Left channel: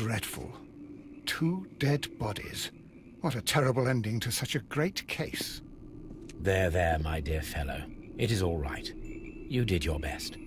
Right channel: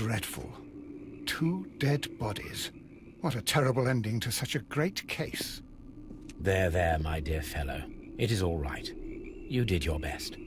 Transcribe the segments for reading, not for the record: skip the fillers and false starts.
dreadful. 2 dead bodies. What a terrible ending to such a great case. There, my dear fellow. It is all right. You did your best.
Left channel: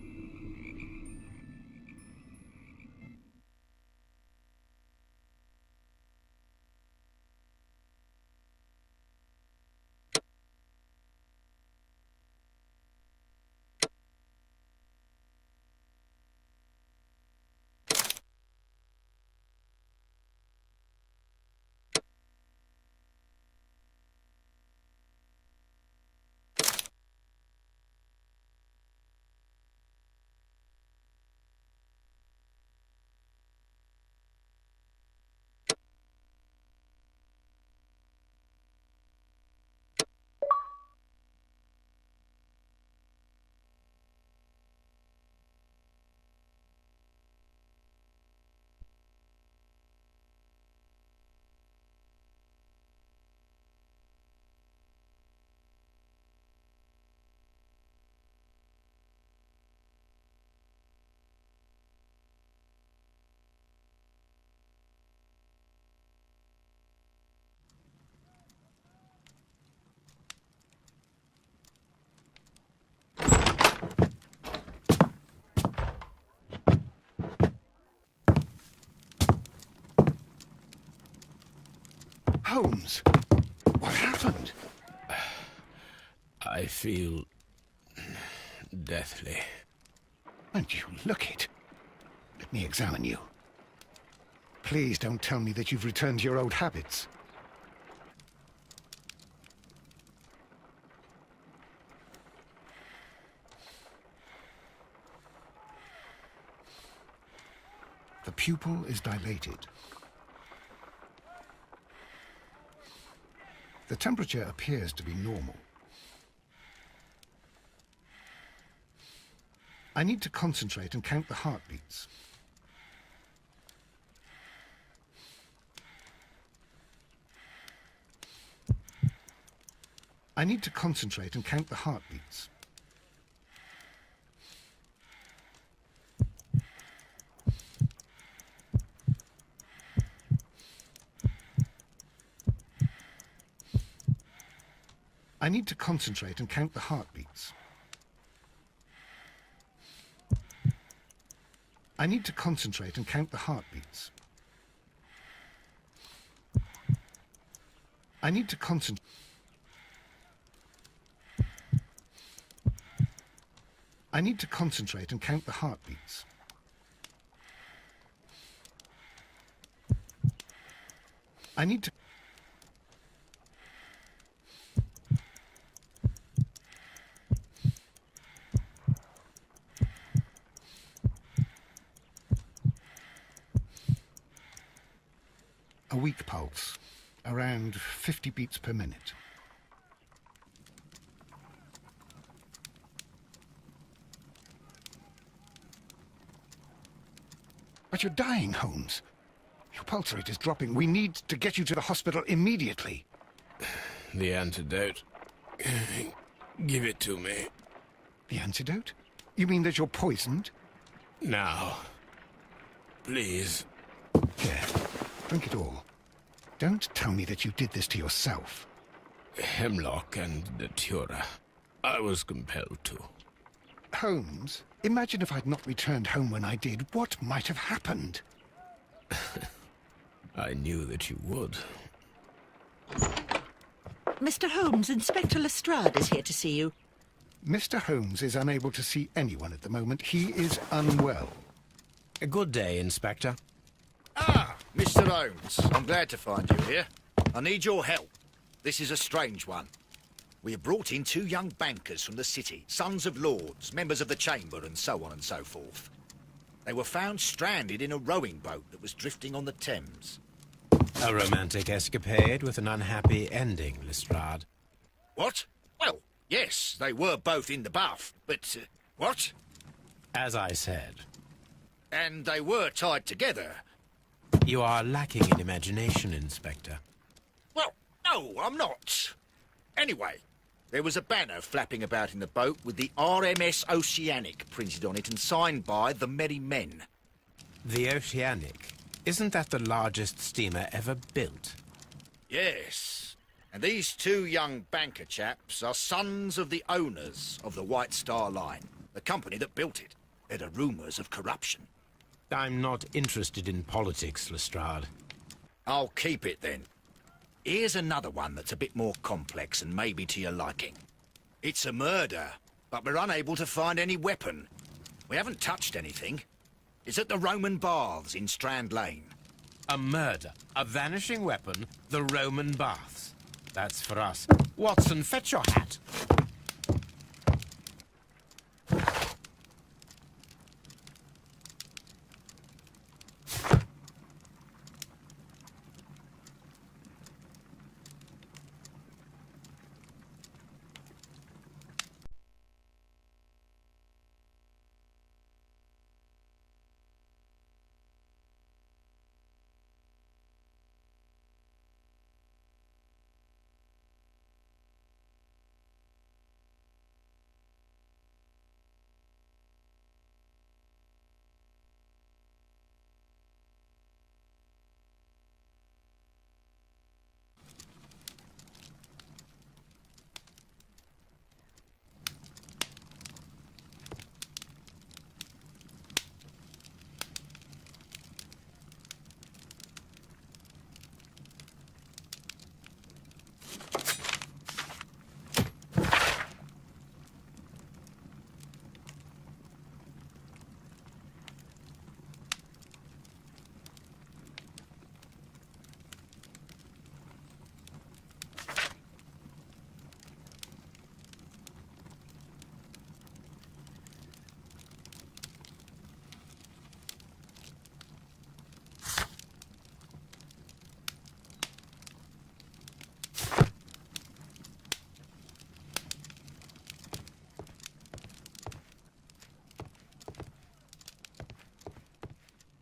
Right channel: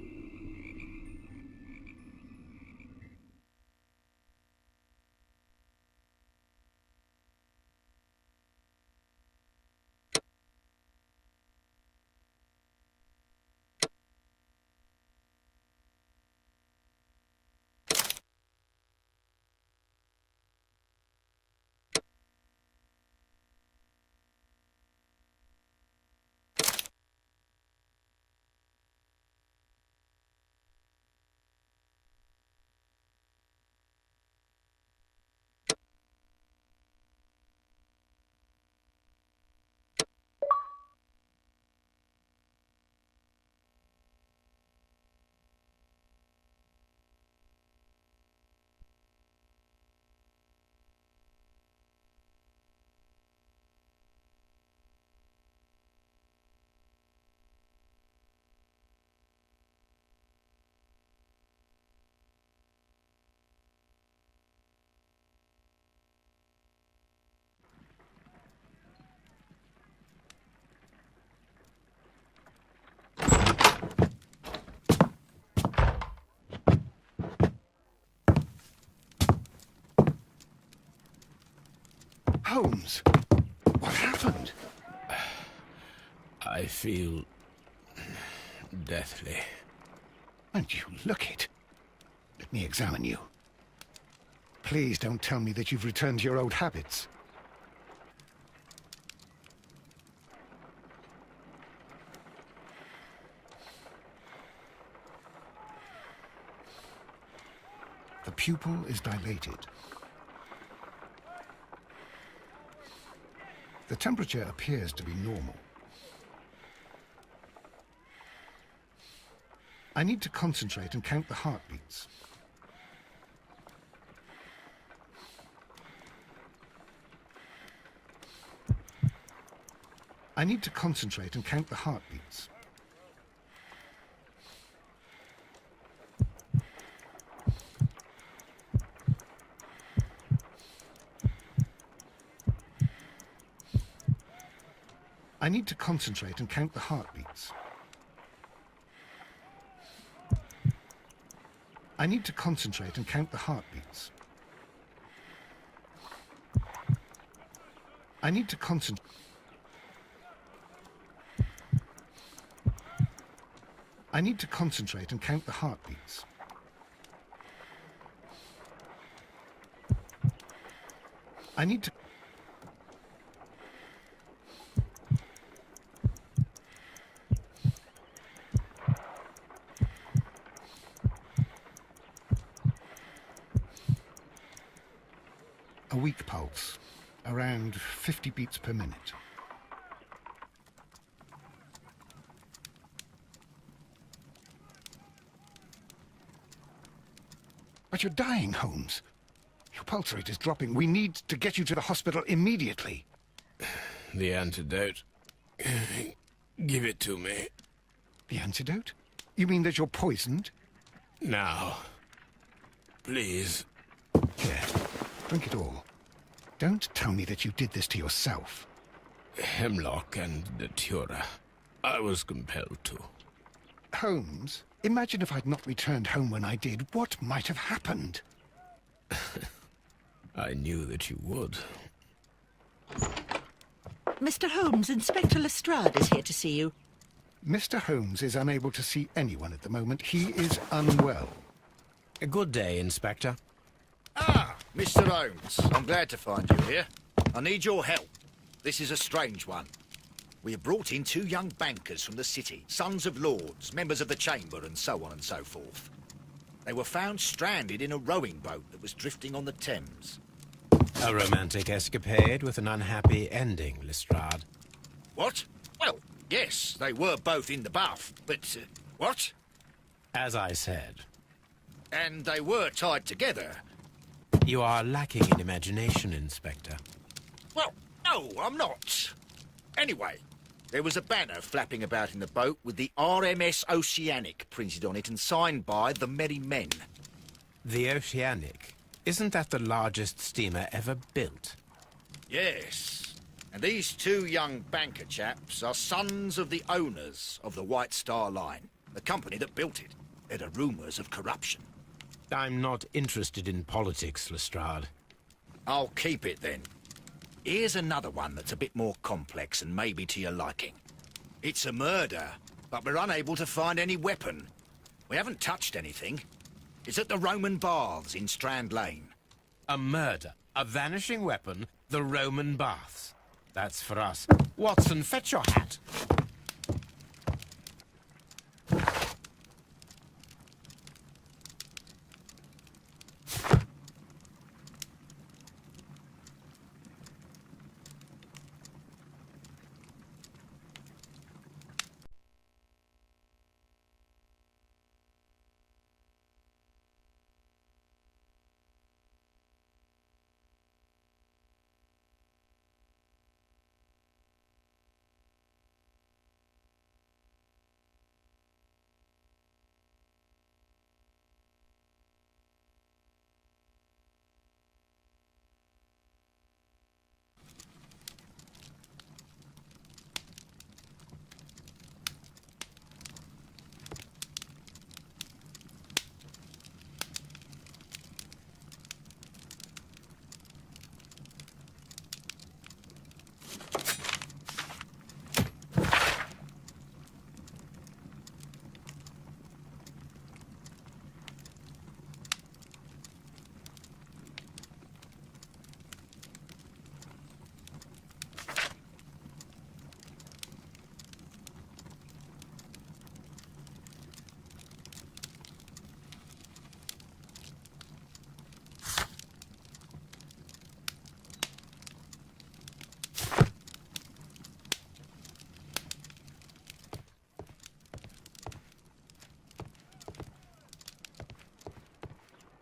Holmes, what happened? I feel deathly. And you look it. Let me examine you. Please don't tell me that you've returned to your old habits. The pupil is dilated. The temperature appears to be normal. I need to concentrate and count the heartbeats. I need to concentrate and count the heartbeats. I need to concentrate and count the heartbeats. I need to concentrate and count the heartbeats. I need to concentrate. I need to concentrate and count the heartbeats. I need to. A weak pulse, around 50 beats per minute. But you're dying, Holmes. Your pulse rate is dropping. We need to get you to the hospital immediately. The antidote. Give it to me. The antidote? You mean that you're poisoned? Now. Please. Here, drink it all. Don't tell me that you did this to yourself. Hemlock and datura. I was compelled to. Holmes, imagine if I'd not returned home when I did. What might have happened? I knew that you would. Mr. Holmes, Inspector Lestrade is here to see you. Mr. Holmes is unable to see anyone at the moment. He is unwell. A good day, Inspector. Ah, Mr. Holmes, I'm glad to find you here. I need your help. This is a strange one. We have brought in 2 young bankers from the city, sons of lords, members of the chamber, and so on and so forth. They were found stranded in a rowing boat that was drifting on the Thames. A romantic escapade with an unhappy ending, Lestrade. What? Well, yes, they were both in the buff, but, what? As I said. And they were tied together. You are lacking in imagination, Inspector. Well, no, I'm not. Anyway, there was a banner flapping about in the boat with the RMS Oceanic printed on it and signed by the Merry Men. The Oceanic? Isn't that the largest steamer ever built? Yes. And these two young banker chaps are sons of the owners of the White Star Line, the company that built it. There are rumours of corruption. I'm not interested in politics, Lestrade. I'll keep it then. Here's another one that's a bit more complex and maybe to your liking. It's a murder, but we're unable to find any weapon. We haven't touched anything. It's at the Roman Baths in Strand Lane. A murder, a vanishing weapon, the Roman Baths. That's for us. Watson, fetch your hat.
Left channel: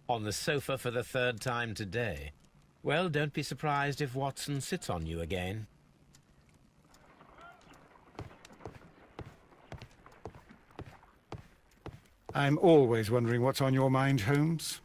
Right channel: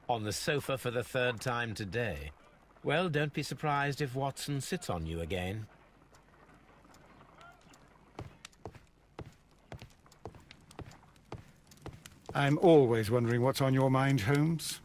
On the sofa for the third time today. Well, don't be surprised if Watson sits on you again. I'm always wondering what's on your mind, Holmes.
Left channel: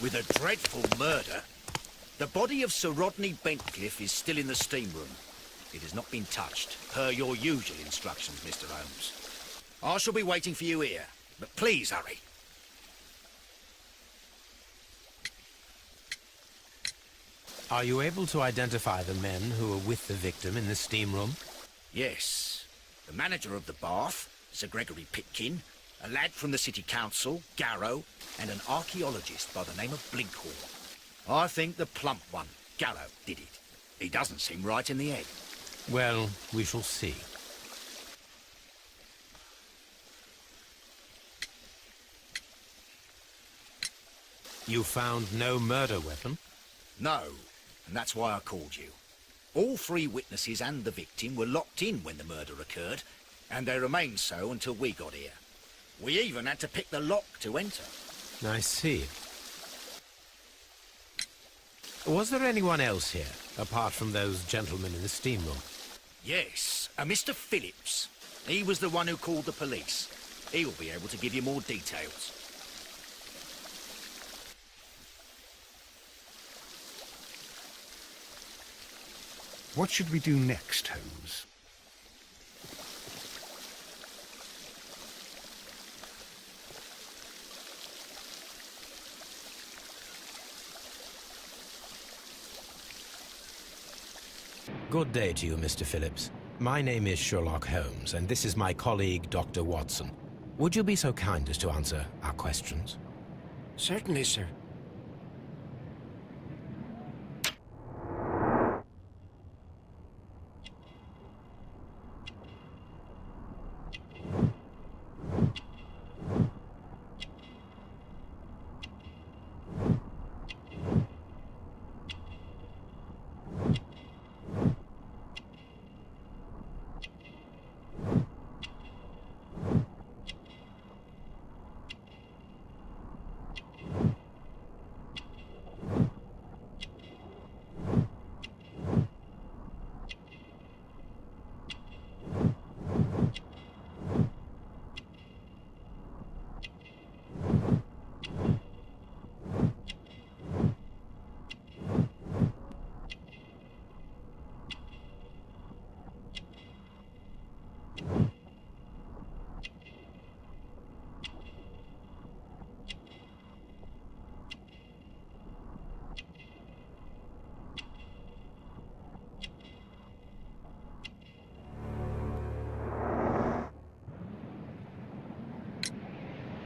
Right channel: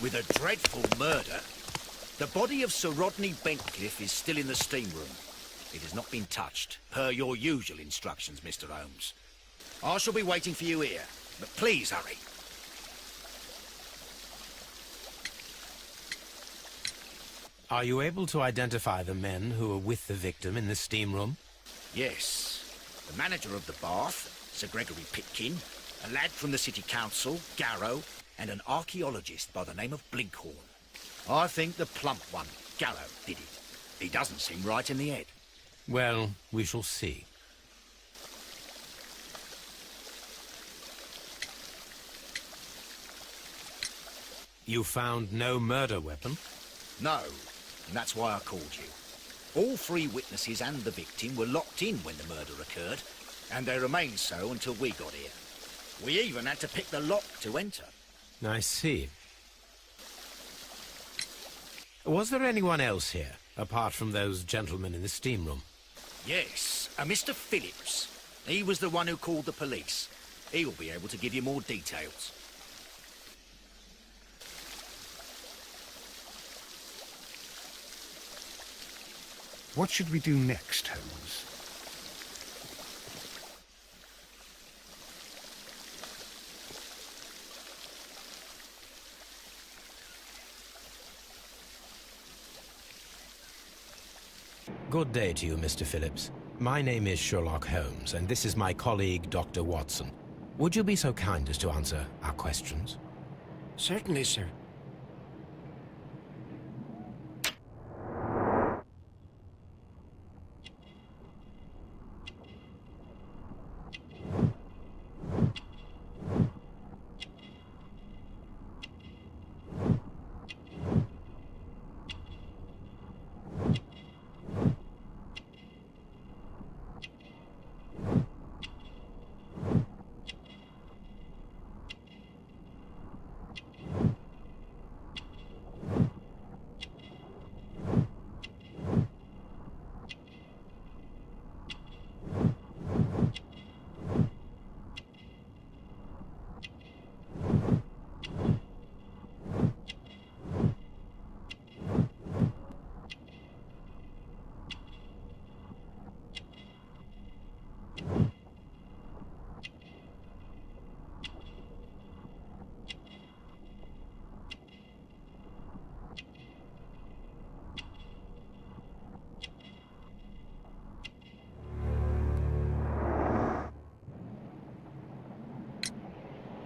With a dreadful murder. The body of Sir Rodney Bentcliffe is still in the steam room. It has not been touched, per your usual instructions, Mr. Holmes. I shall be waiting for you here, but please hurry. Are you able to identify the men who were with the victim in the steam room? Yes. The manager of the bath, Sir Gregory Pitkin, a lad from the City Council, Garrow, and an archaeologist by the name of Blinkhorn. I think the plump one, Gallo, did it. He doesn't seem right in the head. Well, we shall see. You found no murder weapon? No, and that's why I called you. All three witnesses and the victim were locked in when the murder occurred, and they remained so until we got here. We even had to pick the lock to enter. I see. Was there anyone else here, apart from those gentlemen in the steam room? Yes, a Mr. Phillips. He was the one who called the police. He will be able to give you more details. What should we do next, Holmes? Good day to you, Mr. Phillips. My name is Sherlock Holmes, and this is my colleague, Dr. Watson. Would you be so kind as to answer our questions? Certainly, sir.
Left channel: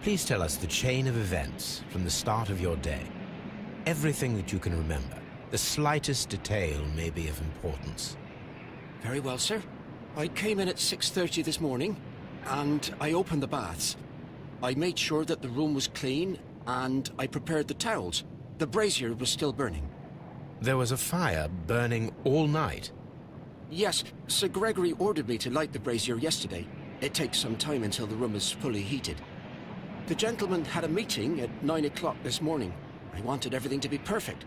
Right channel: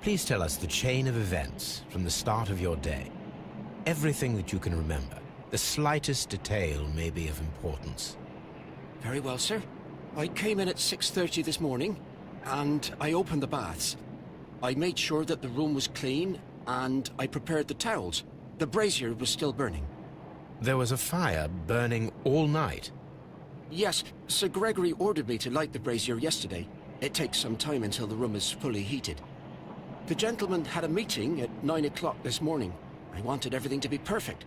Please tell us the chain of events from the start of your day. Everything that you can remember. The slightest detail may be of importance. Very well, sir. I came in at 6:30 this morning, and I opened the baths. I made sure that the room was clean, and I prepared the towels. The brazier was still burning. There was a fire burning all night. Yes, Sir Gregory ordered me to light the brazier yesterday. It takes some time until the room is fully heated. The gentleman had a meeting at 9 o'clock this morning. I wanted everything to be perfect.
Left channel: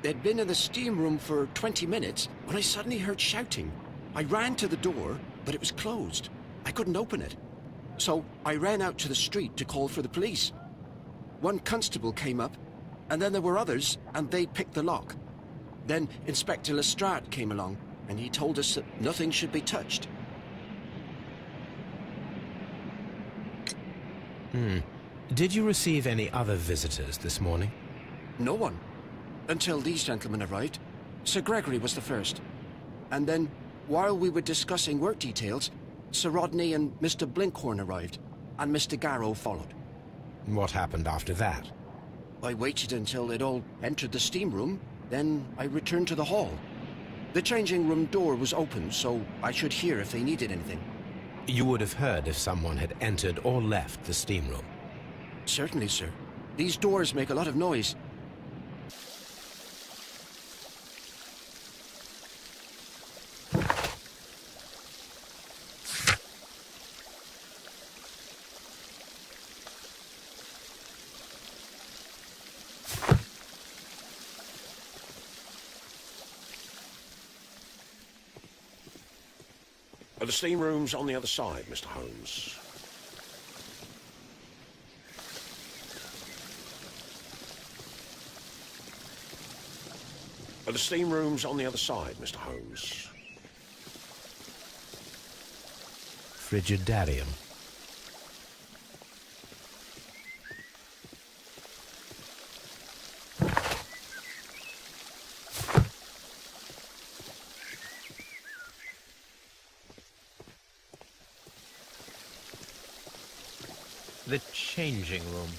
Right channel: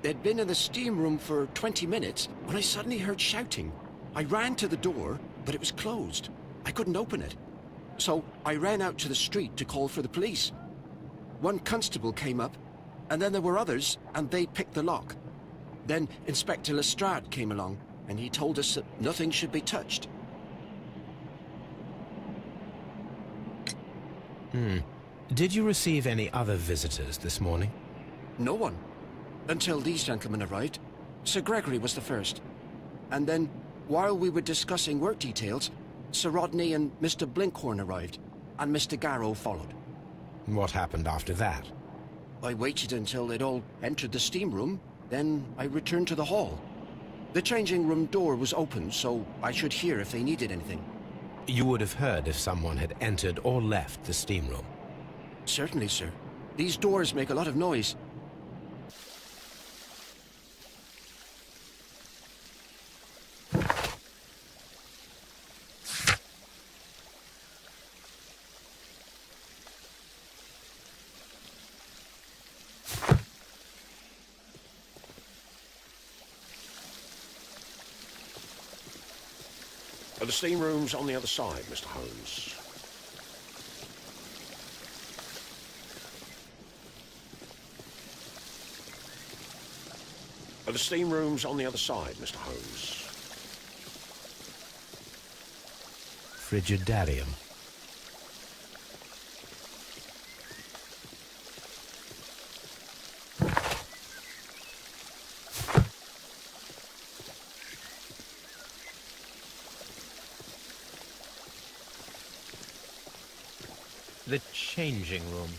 They'd been in the steam room for 20 minutes when I suddenly heard shouting. I ran to the door, but it was closed. I couldn't open it. So I ran out to the street to call for the police. One constable came up, and then there were others, and they picked the lock. Then Inspector Lestrade came along, and he told us that nothing should be touched. Did you receive any other visitors this morning? No one. Until these gentlemen arrived. Sir Gregory was the first. And then, while we were discussing work details, Sir Rodney and Mr. Blinkhorn arrived, and Mr. Garrow followed. What happened after that? I waited until they'd all entered the steam room, then I returned to the hall. The changing room door was open, so I should hear if they needed anything. You would have heard if someone had entered or left the steam room. Certainly, sir. These doors make a lot of noise. The steam room's on the other side, Mr. Holmes. The steam room's on the other side, Mr. Holmes. Frigidarium. The changing room.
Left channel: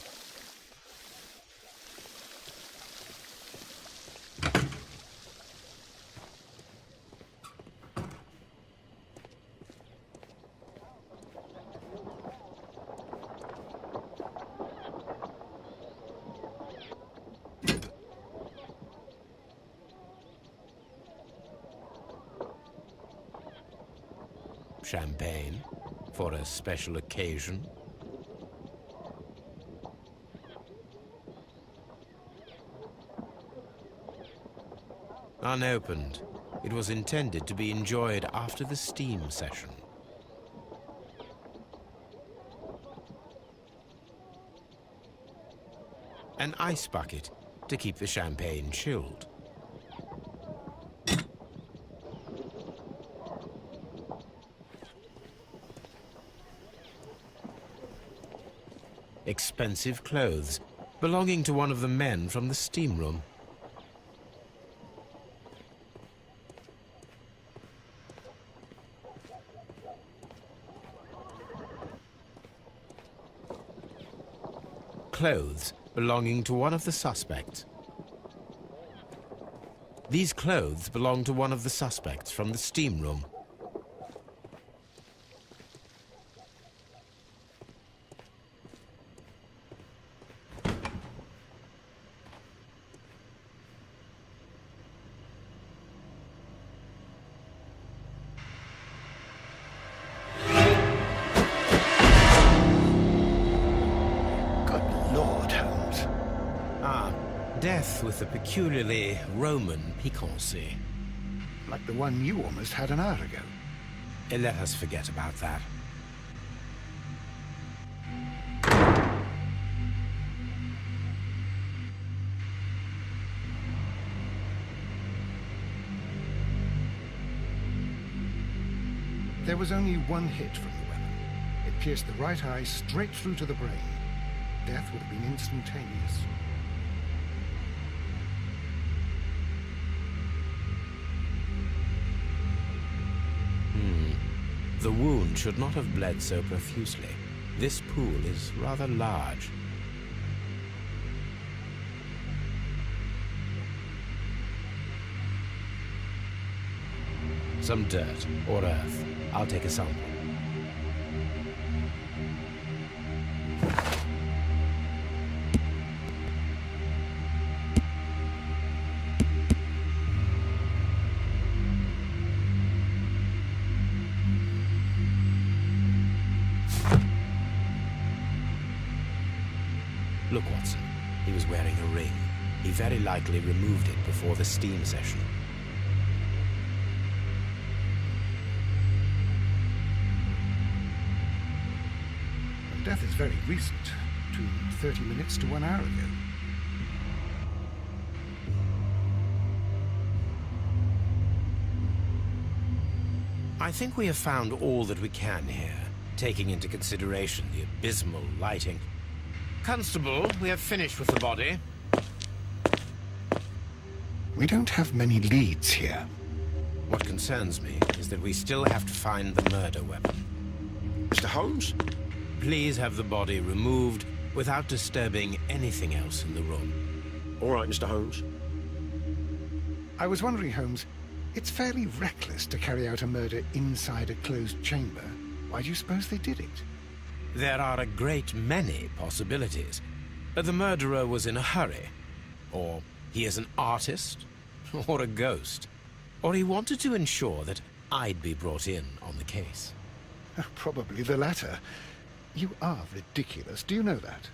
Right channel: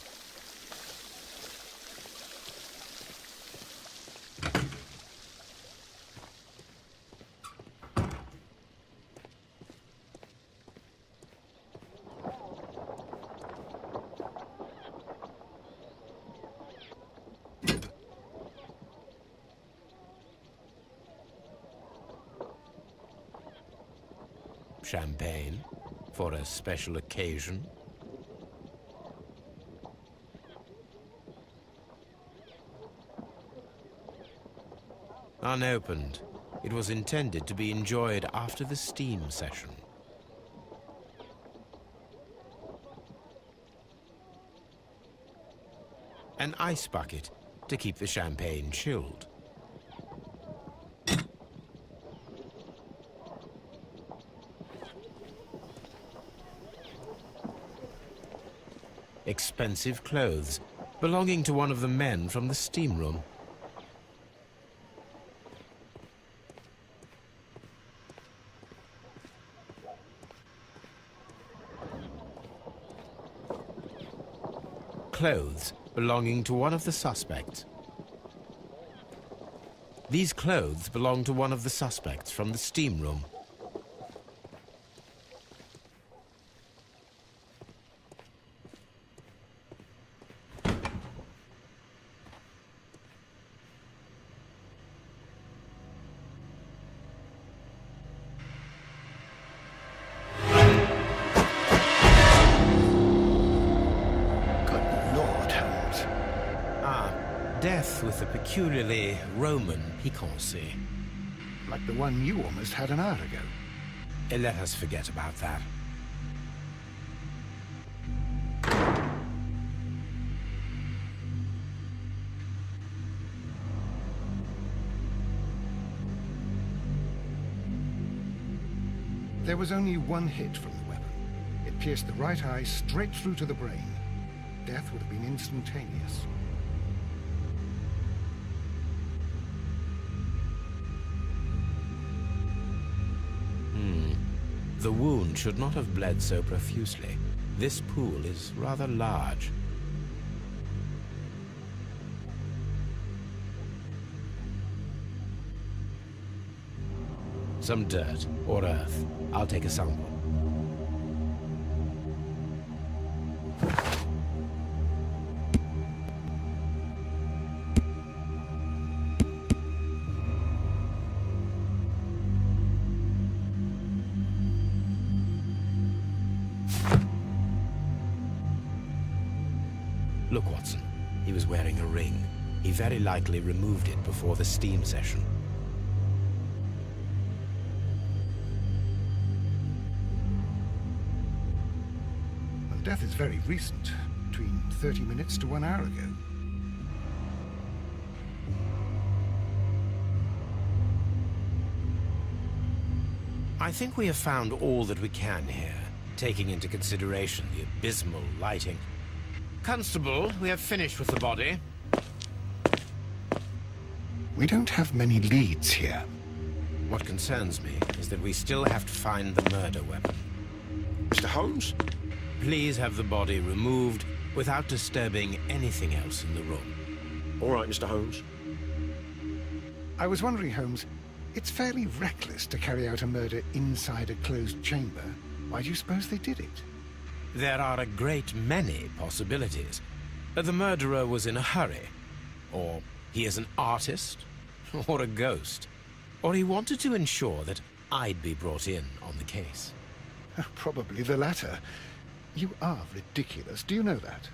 Champagne for a special occasion. Unopened. It was intended to be enjoyed after the steam session. An ice bucket to keep the champagne chilled. Expensive clothes belonging to one of the men from the steam room. clothes belonging to one of the suspects. These clothes belong to one of the suspects from the steam room. Good Lord, Holmes. Death with a peculiarly Roman piquancy. Like the one you almost had an hour ago. Let us forget about that. There was only one hit from the weapon. It pierced the right eye straight through to the brain. Death would have been instantaneous. The wound should not have bled so profusely. This pool is rather large. Some dirt or earth. I'll take a sample. Look, Watson. He was wearing a ring. He very likely removed it before the steam session. Well, death is very recent. Between 30 minutes to 1 hour ago. I think we have found all that we can here, taking into consideration the abysmal lighting. Constable, we have finished with the body. We don't have many leads here. What concerns me is that we still have to find the murder weapon. Mr. Holmes? Please have the body removed without disturbing anything else in the room. All right, Mr. Holmes. I was wondering, Holmes, it's fairly reckless to carry out a murder inside a closed chamber. Why do you suppose they did it? There are a great many possibilities. The murderer was in a hurry. Or he is an artist. Or a ghost. Or he wanted to ensure that I'd be brought in on the case. Probably the latter. You are ridiculous. Do you know that?